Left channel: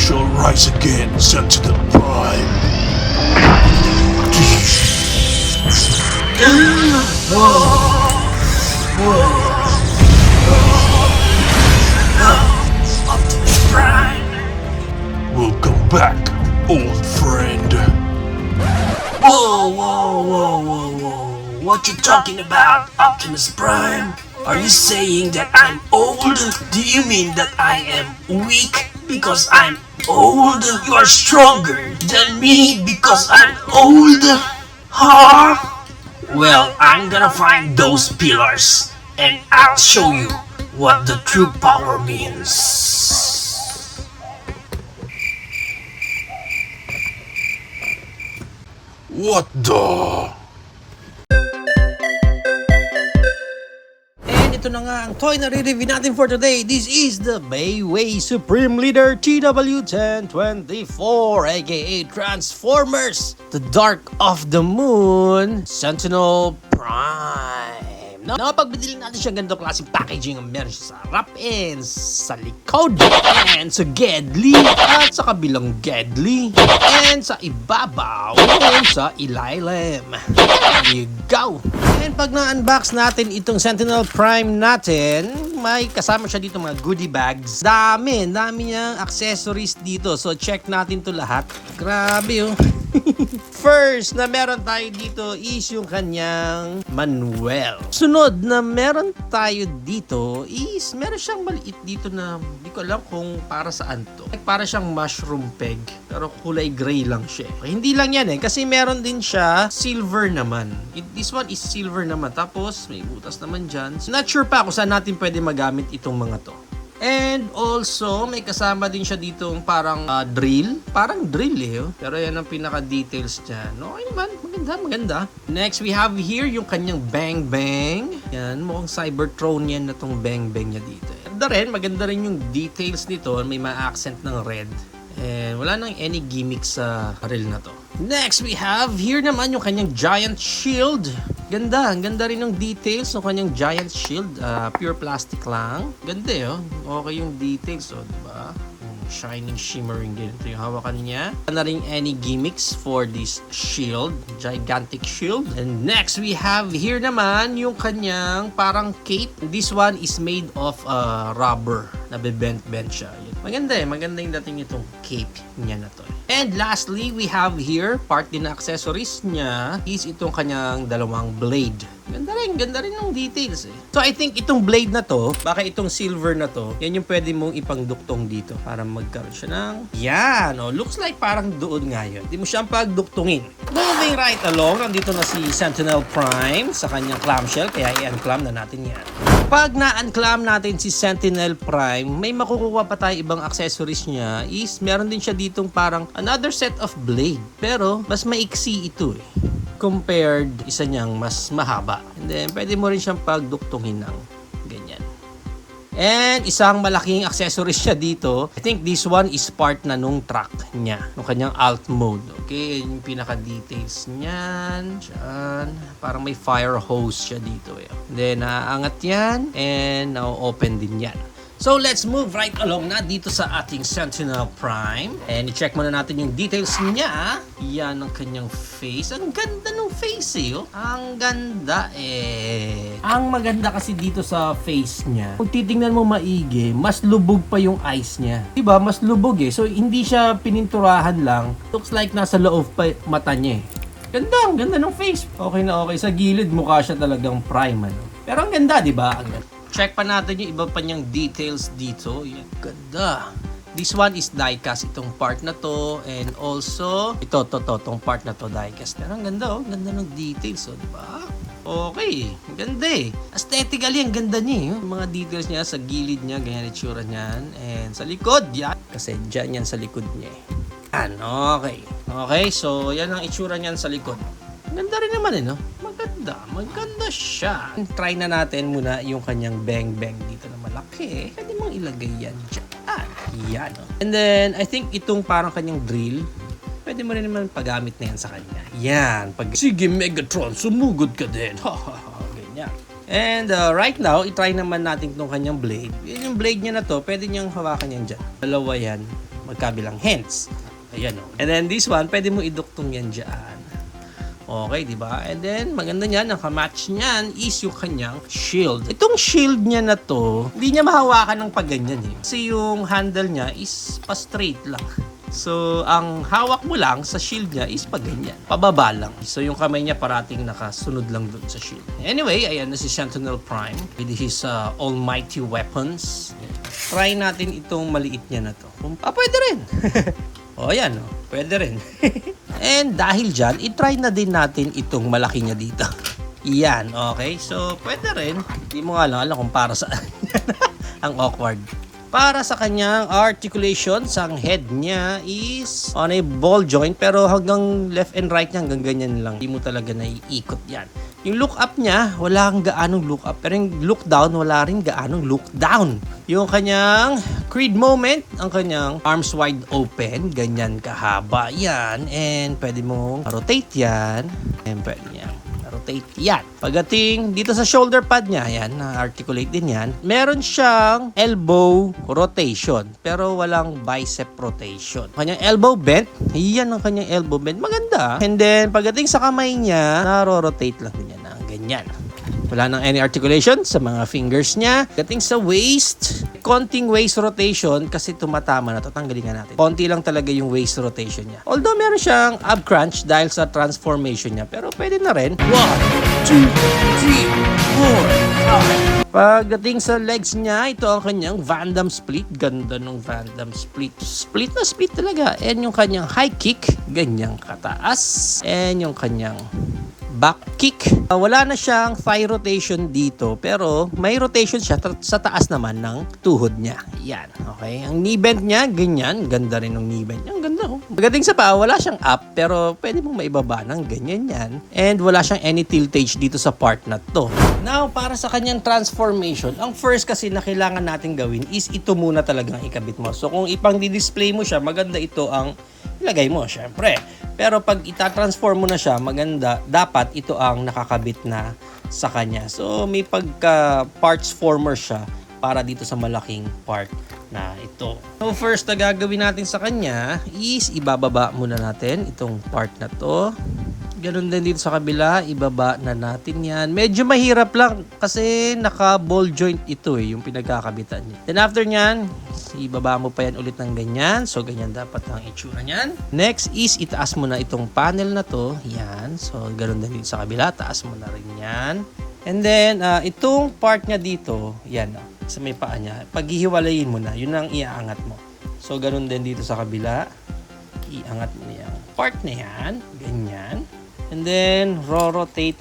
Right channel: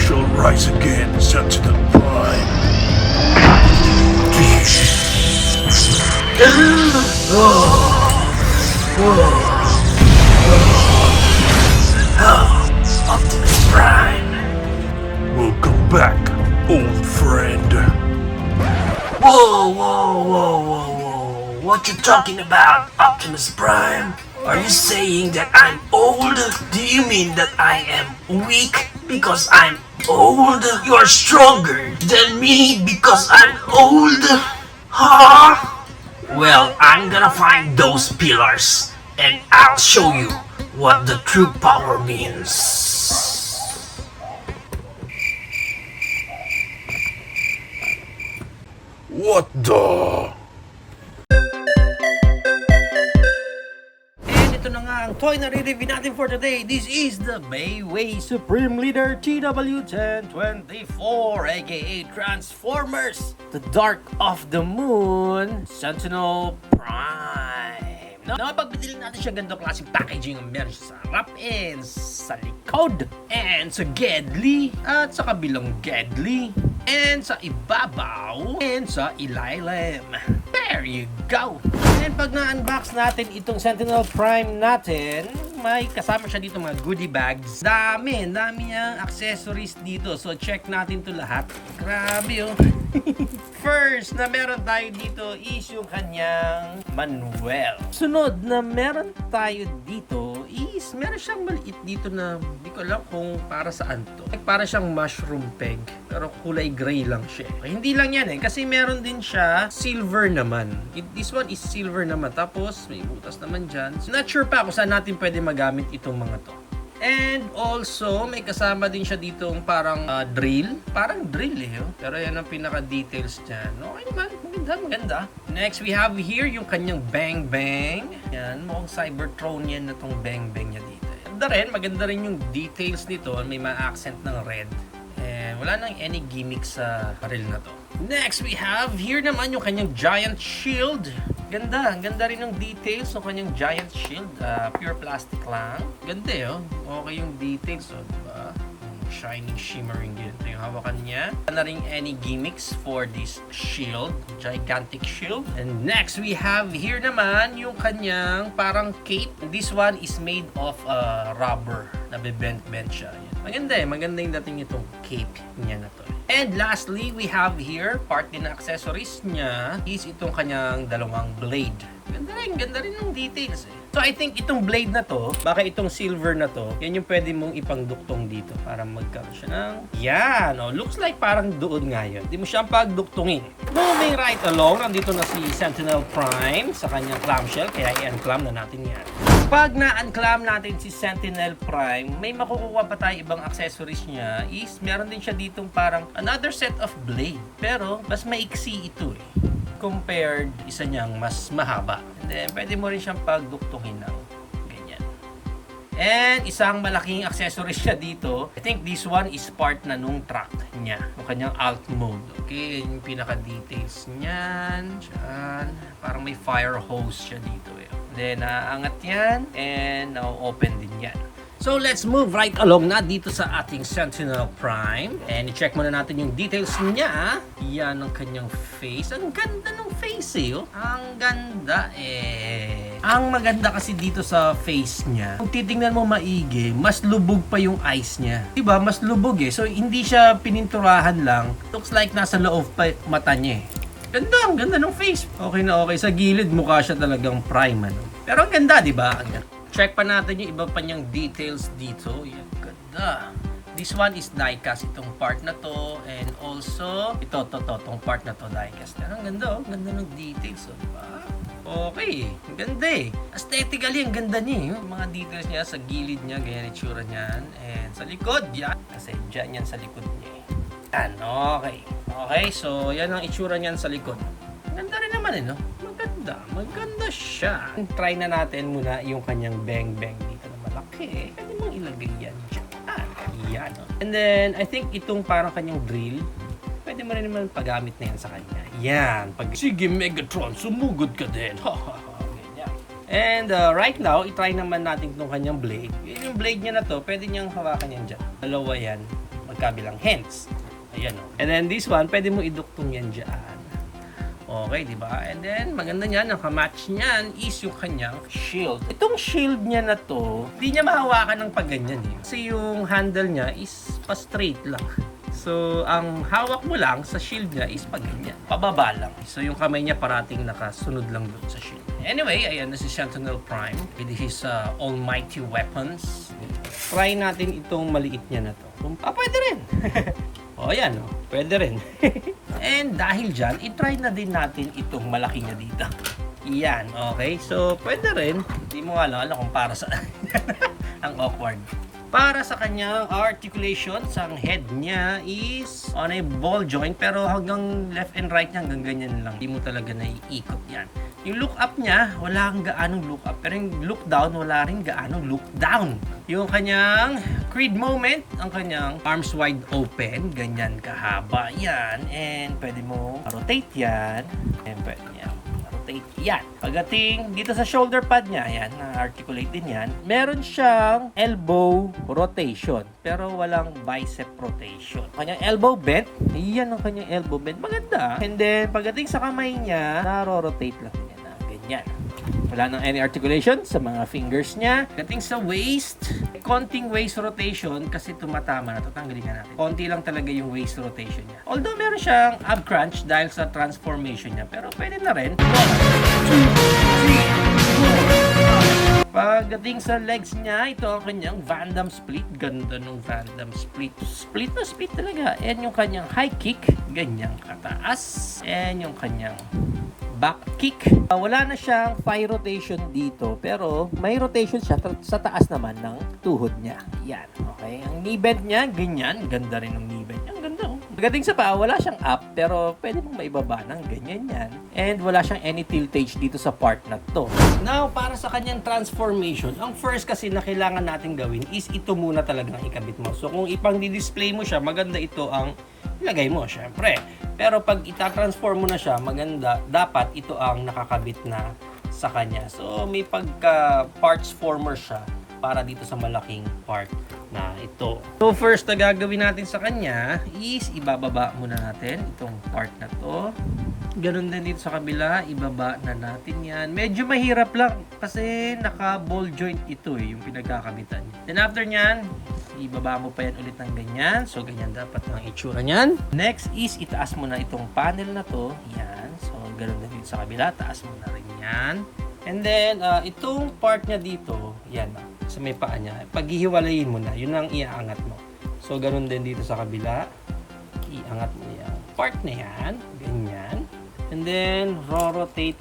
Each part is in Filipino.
shall rise again, Sentinel Prime. Optimus Prime. Welcome back, old friend. Whoa. What you talking about, Optimus Prime? Are you saying that I'm old? Do you mean that I am weak because I'm old? You're stronger than me because I'm old? Huh? Well, I'm gonna find those pillars and I'll show you what the true power means. What the? And ito na nga ang toy na re-review natin for today. This is the Bayway Supreme Leader TW1024 aka Transformers, the Dark of the Moon Sentinel Prime. Napagbili natin siya ganito klaseng packaging ang meron siya sa harap and sa likod and sa gedli at sa kabilang gedli and sa ibabaw and sa ilalim. There you go! And pag na-unbox natin itong Sentinel Prime natin, may kasama siya dito mga goodie bags. Dami niyang accessories dito. So check natin to lahat. Grabe oh. First na meron tayo dito is yung kanyang manual. Sunod na meron tayo dito is meron siyang maliit dito na hindi ko alam kung para saan to. Para siyang mushroom peg pero kulay gray lang siya. Hindi lang yan kasi meron din siya silver naman. This one is silver naman. Tapos may butas naman dyan. Not sure pa kung saan natin pwede magamit itong mga to. And also, may kasama din siya ditong parang drill. Parang drill oh. Pero yan ang pinaka-details niya. Okay naman, maganda. Next, we have here yung kanyang Bang Bang. Yan, mukhang Cybertron yan na tong Bang Bang niya dito. Maganda rin yung details nito. May mga accent ng red. And wala nang any gimmick sa reel na to. Next, we have here naman yung kanyang giant shield. Ganda rin yung details ng kanyang giant shield. Pure plastic lang. Ganda Okay yung details diba? Shining, shimmering din. Ito yung hawakan niya. Wala rin any gimmicks for this shield. Gigantic shield. And next, we have here naman yung kanyang parang cape. This one is made of rubber. Nabibent-bent siya. Maganda yung dating itong cape niya na to. And lastly, we have here, part din na accessories niya is itong kanyang dalawang blade. Ganda rin yung details So I think itong blade na to, baka itong silver na to, yan yung pwede mong ipangduktong dito para magkaroon siya ng yan. Looks like parang doon nga yun. Hindi mo siyang pagduktungin. Moving right along, nandito na si Sentinel Prime sa kanyang clamshell, kaya i-unclam na natin yan. Pag na-unclam natin si Sentinel Prime, may makukuha pa tayo ibang accessories niya is meron din siya ditong parang another set of blade. Pero mas maiksi ito compared isa niyang mas mahaba. And then pwede mo rin siyang pagduktungin ng ganyan. And isang malaking accessories siya dito. I think this one is part na nung track niya, nung kanyang alt mode. Okay, yung pinaka-details niyan. Diyan. Parang may fire hose siya dito. Then angat yan and open din yan. So let's move right along na dito sa ating Sentinel Prime. And i-check muna natin yung details niya. Yan ang kanyang face. Ang ganda ng face Ang ganda Ang maganda kasi dito sa face niya, kung titingnan mo maigi, mas lubog pa yung eyes niya. Diba? Mas lubog So hindi siya pininturahan lang. Looks like nasa loob pa mata niya ang ganda ng face. Okay na okay. Sa gilid, mukha siya talagang prime Pero ang ganda, diba? Ang ganda. Check pa natin yung iba pa niyang details dito. Yan, ganda. This one is diecast itong part na to and also itong part na to diecast. Pero ang ganda ganda ng details diba? Okay, ang ganda Aesthetically, ang ganda niya yung mga details niya sa gilid niya, ganyan itsura niyan. And sa likod, yan. Kasi dyan yan sa likod niya. Yan, okay, so yan ang itsura niyan sa likod. Ganda rin naman maganda siya. Try na natin muna yung kanyang Bang Bang dito na malaki. Pwede mong ilagay yan dyan. Yan And then, I think itong parang kanyang drill, pwede mo rin naman paggamit na yan sa kanya. Yan. Sige Megatron, sumugod ka din. Ganyan. And right now, itry naman natin itong kanyang blade. Yung blade niya na to, pwede niyang hawakan yan dyan. Dalawa yan. magkabilang hands. Ayan o. And then this one, pwede mo iduktong yan dyan. Okay, di ba? And then, maganda niyan, ang kamatch niyan is yung kanyang shield. Itong shield niya na to, hindi niya mahawakan ng pagganyan eh. Kasi yung handle niya is pa-straight lang. So, ang hawak mo lang sa shield niya is pagganyan. Pababa lang. So, yung kamay niya parating nakasunod lang dun sa shield. Anyway, ayan na si Sentinel Prime. This is almighty weapons. Try natin itong maliit niya na to. Pwede rin. O, ayan o. Pwede rin. And dahil dyan, itry na din natin itong malaki niya dito. Yan, okay? So, pwede rin. Hindi mo nga alam kung para sa ang awkward. Para sa kanyang articulations, ang head niya is on a ball joint pero hanggang left and right niya hanggang ganyan lang. Hindi mo talaga naiikot yan. Yung look up niya, wala kang gaanong look up. Pero yung look down, wala rin gaanong look down. Yung kanyang creed moment, ang kanyang arms wide open, ganyan kahaba yan. And pwede mo rotate yan. And pwede yan. Rotate yan. Pagdating dito sa shoulder pad niya, yan, na-articulate din yan. Meron siyang elbow rotation, pero walang bicep rotation. Kanyang elbow bend, yan ang kanyang elbow bend. Maganda. And then, pagdating sa kamay niya, naro-rotate lang niya na ganyan. Wala nang any articulation sa mga fingers niya. Dating sa waist, konting waist rotation kasi tumatama na to. Tanggalin nga natin. Konti lang talaga yung waist rotation niya. Although meron siyang ab crunch dahil sa transformation niya. Pero pwede na rin. 1, 2, 3, 4. Pagdating sa legs niya, ito ang kanyang Van Damme split. Ganda ng Van Damme split. Split na split talaga. And yung kanyang high kick, ganyang kataas. And yung kanyang back kick. Wala na siyang thigh rotation dito pero may rotation siya sa taas naman ng tuhod niya. Yan. Okay. Ang knee bend niya, ganyan. Ganda rin ng knee bend niya. Ang ganda. Pagdating sa paa, wala siyang up pero pwede mong maibaba ng ganyan yan. And wala siyang any tiltage dito sa part na to. Now, para sa kanyang transformation, ang first kasi na kailangan natin gawin is ito muna talagang ikabit mo. So kung ipang di-display mo siya, maganda ito ang ilagay mo, syempre. Pero pag itatransform mo na siya, maganda, dapat ito ang nakakabit na sa kanya. So, may pagka parts former siya para dito sa malaking part na ito. So, first na gagawin natin sa kanya is ibababa muna natin itong part na to. Ganun din dito sa kabila, ibaba na natin yan. Medyo mahirap lang kasi naka-ball joint ito yung pinagkakabitan niya. Then after nyan, ibaba mo pa yan ulit ng ganyan. So, ganyan dapat ang itsura nyan. Next is itaas mo na itong panel na to. Yan. So, ganun din dito sa kabila. Taas mo na rin yan. And then, itong part niya dito, yan sa may paa niya. Paghihiwalayin mo na, yun ang iaangat mo. So, ganun din dito sa kabila. Iangat mo yan. Part na yan. Ganyan. And then, rotate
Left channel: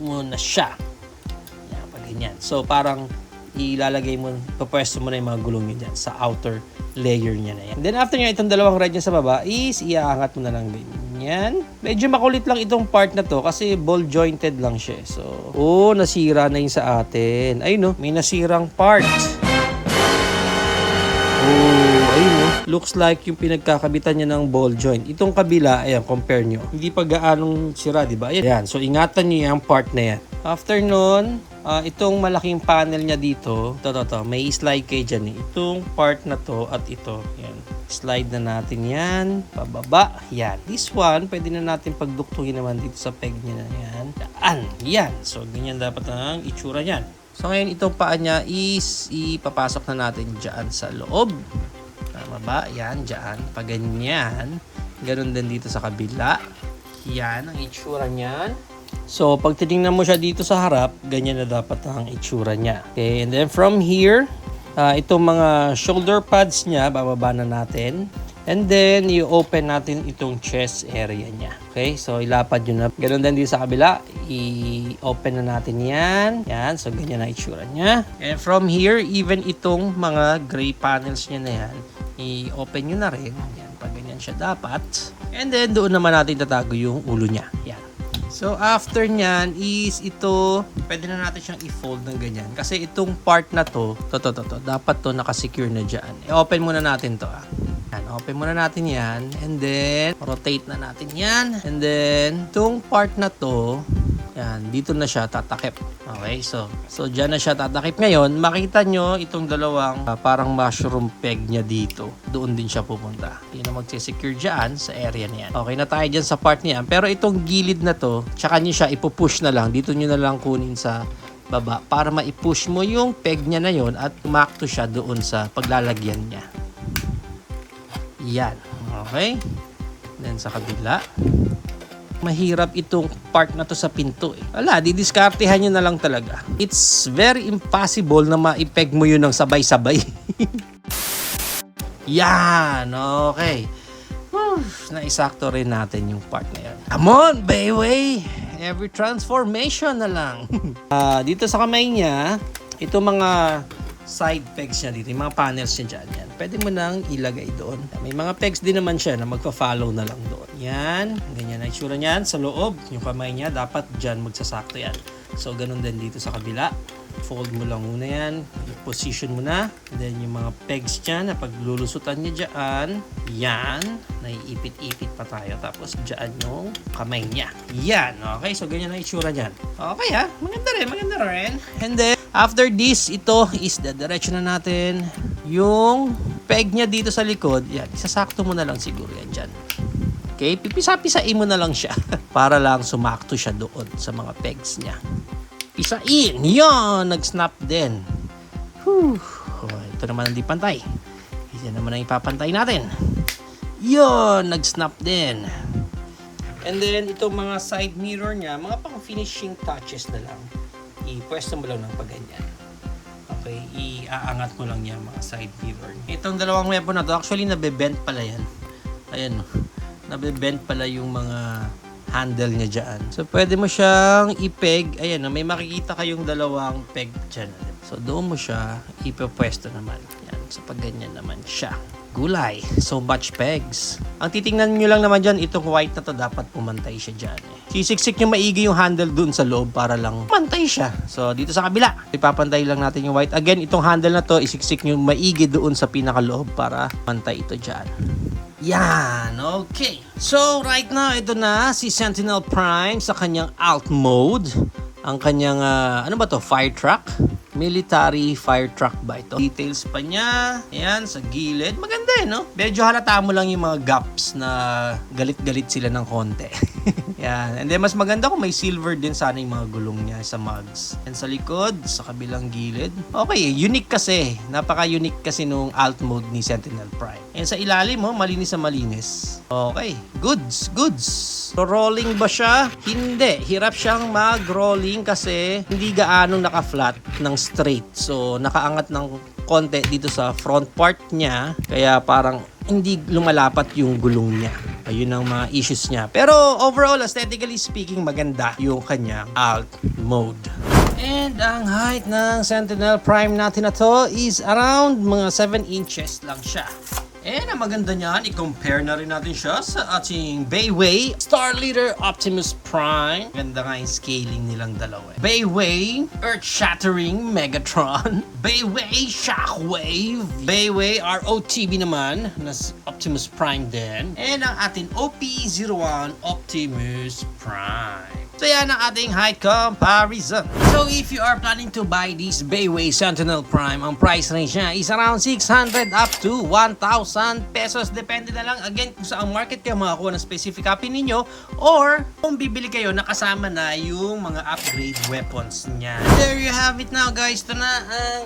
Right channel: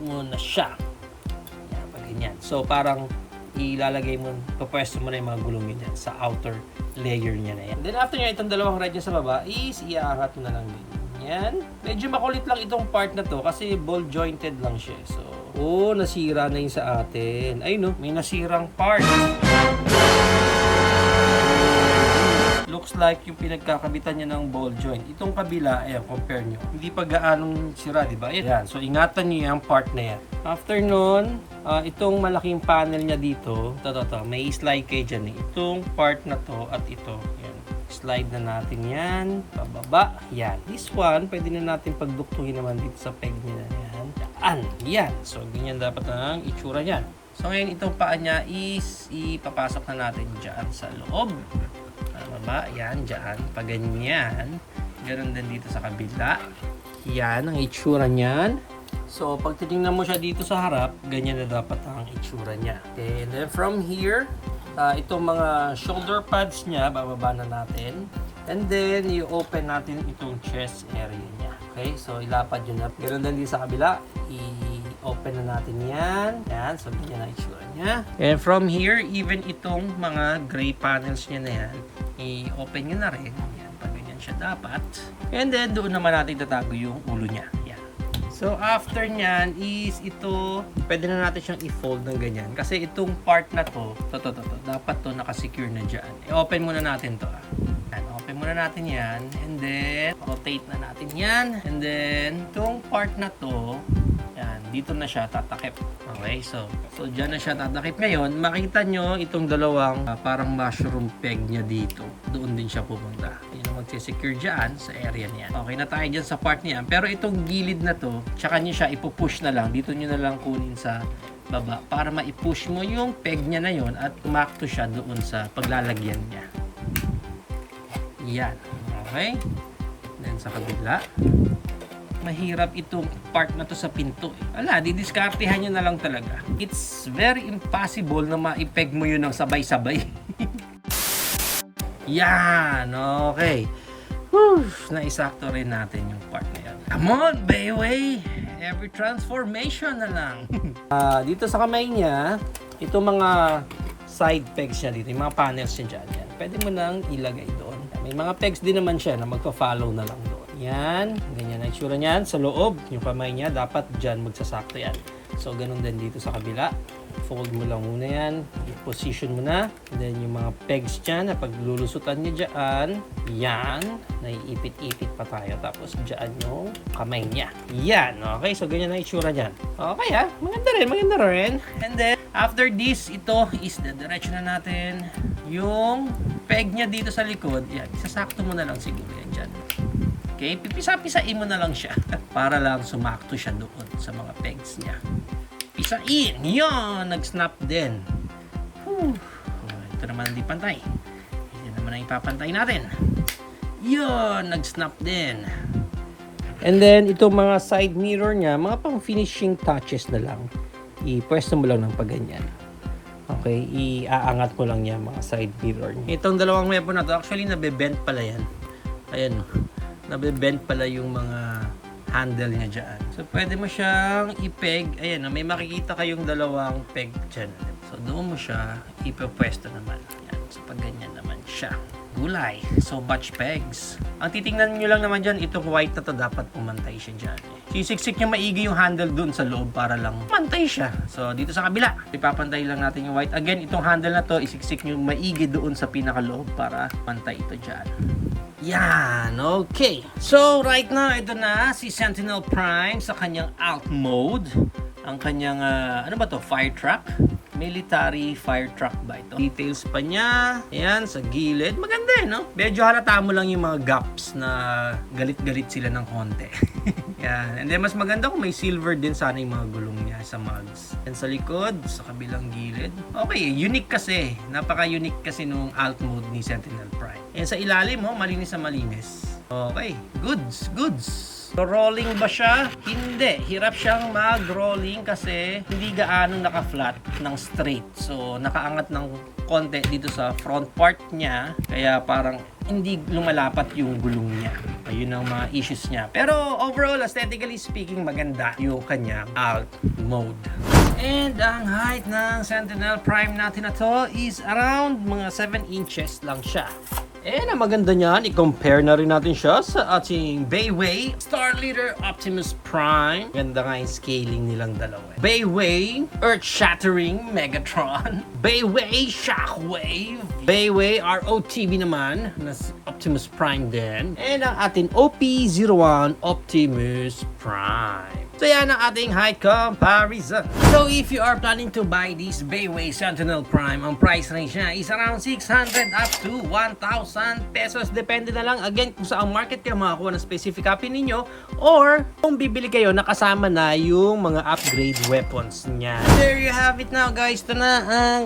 mo na siya. Yan, pag ganyan. So, parang ilalagay mo, papwesto mo na yung mga gulong yun dyan sa outer layer niya na yan. Then, after nyo, itong dalawang red sa baba is iaangat mo na lang ganyan. Medyo makulit lang itong part na to kasi ball jointed lang siya. So, nasira na yung sa atin. Ayun, no? May nasirang part. Looks like yung pinagkakabitan niya ng ball joint. Itong kabila, ayan, compare nyo. Hindi pa gaanong sira, di ba? Ayan. So, ingatan nyo yung part na yan. After nun, itong malaking panel niya dito, may slide kayo dyan eh. Itong part na to at ito. Ayan. Slide na natin yan. Pababa. Yan. This one, pwede na natin pagduktungin naman dito sa peg niya na yan. Daan. Yan. So, ganyan dapat ang itsura niyan. So, ngayon, itong paa niya is ipapasok na natin dyan sa loob. Baba, yan, dyan. Pag ganyan, ganun din dito sa kabila. Yan, ang itsura niyan. So, pag titingnan mo siya dito sa harap, ganyan na dapat ang itsura niya. Okay, and then from here, itong mga shoulder pads niya, bababa na natin. And then, i-open natin itong chest area niya. Okay, so ilapad yun na. Ganun din dito sa kabila, i-open na natin yan. Yan, so ganyan na itsura niya. And from here, even itong mga gray panels niya na yan, i-open nyo na rin. Yan, pag ganyan siya dapat. And then, doon naman natin tatago yung ulo niya. Yan. So, after nyan is ito, pwede na natin siyang i-fold ng ganyan. Kasi itong part na to, dapat to nakasecure na dyan. I-open muna natin to. Yan, open muna natin yan. And then, rotate na natin yan. And then, itong part na to, Yan, dito na siya tatakip. Okay, so dyan na siya tatakip. Ngayon, makita nyo itong dalawang parang mushroom peg niya dito. Doon din siya pupunta. Yun na magsisecure dyan sa area niya. Okay na tayo dyan sa part niya. Pero itong gilid na to, tsaka nyo siya ipupush na lang. Dito nyo na lang kunin sa baba para maipush mo yung peg niya na yon at umakto siya doon sa paglalagyan niya. Yan. Okay. Then sa kabila. Mahirap itong part na to sa pinto. Wala, didiskartehan nyo na lang talaga. It's very impossible na maipeg mo yun ng sabay-sabay. Yan, okay. Whew, naisakto rin natin yung part na yan. Come on, baby! Every transformation na lang. Dito sa kamay niya, ito mga side pegs niya dito, yung mga panels niya dyan. Yan. Pwede mo nang ilagay doon. May mga pegs din naman siya na magpa-follow na lang doon. Yan, ganyan ang itsura niyan sa loob. Yung kamay niya, dapat dyan magsasakto yan. So, ganun din dito sa kabila. Fold mo lang muna yan. I-position mo na. And then, yung mga pegs dyan na paglulusutan niya dyan. Yan. Naiipit-ipit pa tayo. Tapos, dyan yung kamay niya. Yan. Okay, so ganyan ang itsura niyan. Okay ha. Maganda rin, maganda rin. And then, after this, ito is the direction na natin. Yung peg niya dito sa likod. Yan, isasakto mo na lang siguro yan dyan. Okay, pipisa-pisain mo na lang siya para lang sumakto siya doon sa mga pegs niya. Pisain! Yan! Nag-snap din. Whew. Oh, ito naman hindi pantay. Ito naman ang ipapantay natin. Yan! Nag-snap din. And then, itong mga side mirror niya, mga pang finishing touches na lang. I-pwesto mo lang ng pagganyan. Okay, iaangat mo lang yan mga side mirror. Itong dalawang weapon na to, actually nabe-bend pala yan. Ayan, nabe-bend pala yung mga handle niya dyan. So, pwede mo siyang ipeg. Ayan, may makikita kayong dalawang peg dyan. So, doon mo siya ipapwesto naman. Yan, so, pag ganyan naman siya. Gulay. So much pegs. Ang titingnan nyo lang naman dyan, itong white na to dapat pumantay siya dyan. Sisiksik nyo maigi yung handle dun sa loob para lang pantay siya. So, dito sa kabila, ipapantay lang natin yung white. Again, itong handle na to, isiksik nyo maigi doon sa pinakaloob para pantay ito dyan. Yan, okay. So, right now, ito na si Sentinel Prime sa kanyang alt mode. Ang kanyang, ano ba to? Fire truck? Military fire truck ba ito? Details pa niya. Ayan, sa gilid. Maganda eh, no? Medyo halata mo lang yung mga gaps na galit-galit sila ng konti. Yan. And then, mas maganda kung may silver din sana yung mga gulong niya sa mugs. And sa likod, sa kabilang gilid. Okay, unique kasi. Napaka-unique kasi nung alt mode ni Sentinel Prime. And sa ilalim, malinis na malinis. Okay, goods, goods. So, rolling ba siya? Hindi. Hirap siyang mag-rolling kasi hindi gaanong naka-flat ng straight. So, nakaangat ng konti dito sa front part niya. Kaya parang hindi lumalapat yung gulong niya. Ayun ang mga issues niya. Pero overall, aesthetically speaking, maganda yung kanyang alt mode. And ang height ng Sentinel Prime natin na to is around mga 7 inches lang siya. And ang maganda niyan, i-compare na rin natin siya sa ating Bayway Star Leader Optimus Prime. Ganda nga yung scaling nilang dalawa. Bayway Earth-Shattering Megatron. Bayway Shockwave. Bayway ROTB naman na Optimus Prime din. And ang ating OP-01 Optimus Prime. So yan ang ating height comparison. So if you are planning to buy this Bayway Sentinel Prime, ang price range niya is around 600 up to 1,000 pesos. Depende na lang again kung saan market kayo makakuha ng specific copy ninyo or kung bibili kayo nakasama na yung mga upgrade weapons niya. There you have it now guys. Ito na ang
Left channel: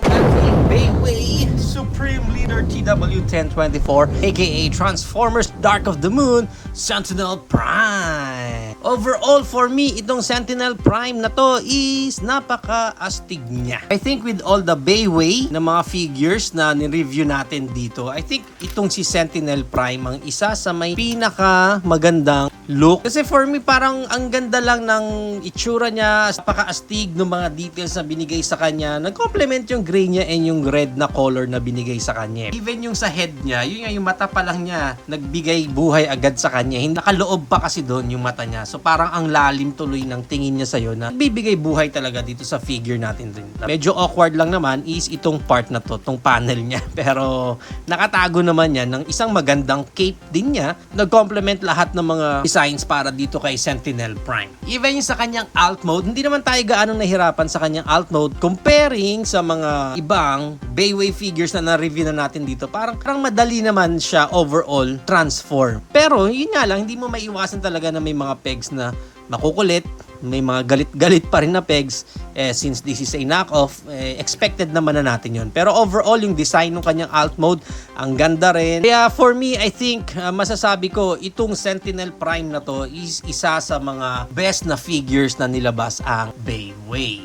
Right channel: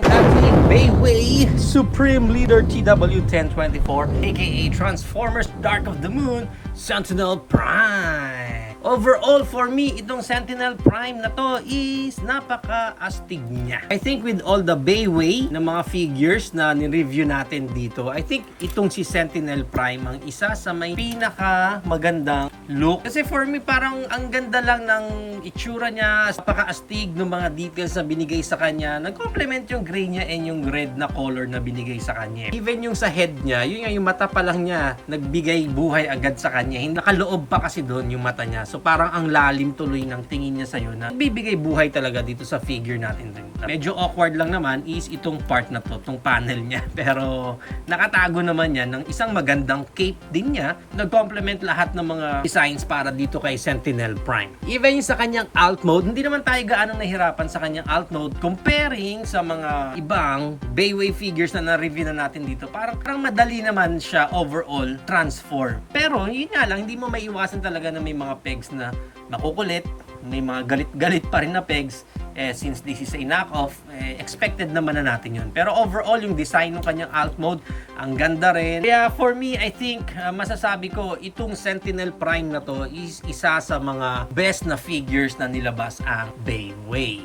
Bayway Supreme Leader TW1024 aka Transformers Dark of the Moon Sentinel Prime. Overall, for me, itong Sentinel Prime na to is napaka-astig niya. I think with all the Bayway na mga figures na ni-review natin dito, I think itong si Sentinel Prime ang isa sa may pinaka-magandang look. Kasi for me, parang ang ganda lang ng itsura niya, napaka-astig ng mga details na binigay sa kanya. Nag-complement yung gray niya and yung red na color na binigay sa kanya. Even yung sa head niya, yun yung mata pa lang niya, nagbigay buhay agad sa kanya. Nakaloob pa kasi doon yung mata niya. So parang ang lalim tuloy ng tingin niya sa'yo na bibigay buhay talaga dito sa figure natin rin. Medyo awkward lang naman is itong part na to, itong panel niya. Pero nakatago naman yan ng isang magandang cape din niya. Nag-complement lahat ng mga designs para dito kay Sentinel Prime. Even yung sa kanyang alt mode, hindi naman tayo gaano nahirapan sa kanyang alt mode comparing sa mga ibang Bayway figures na na-review na natin dito. Parang madali naman siya overall transform. Pero yun nga lang, hindi mo maiiwasan talaga na may mga pegs na nakukulit, may mga galit-galit pa rin na pegs. Since this is a knockoff, expected naman na natin yun. Pero overall, yung design ng kanyang alt mode, ang ganda rin. Kaya for me, I think, masasabi ko, itong Sentinel Prime na to is isa sa mga best na figures na nilabas ang Bayway.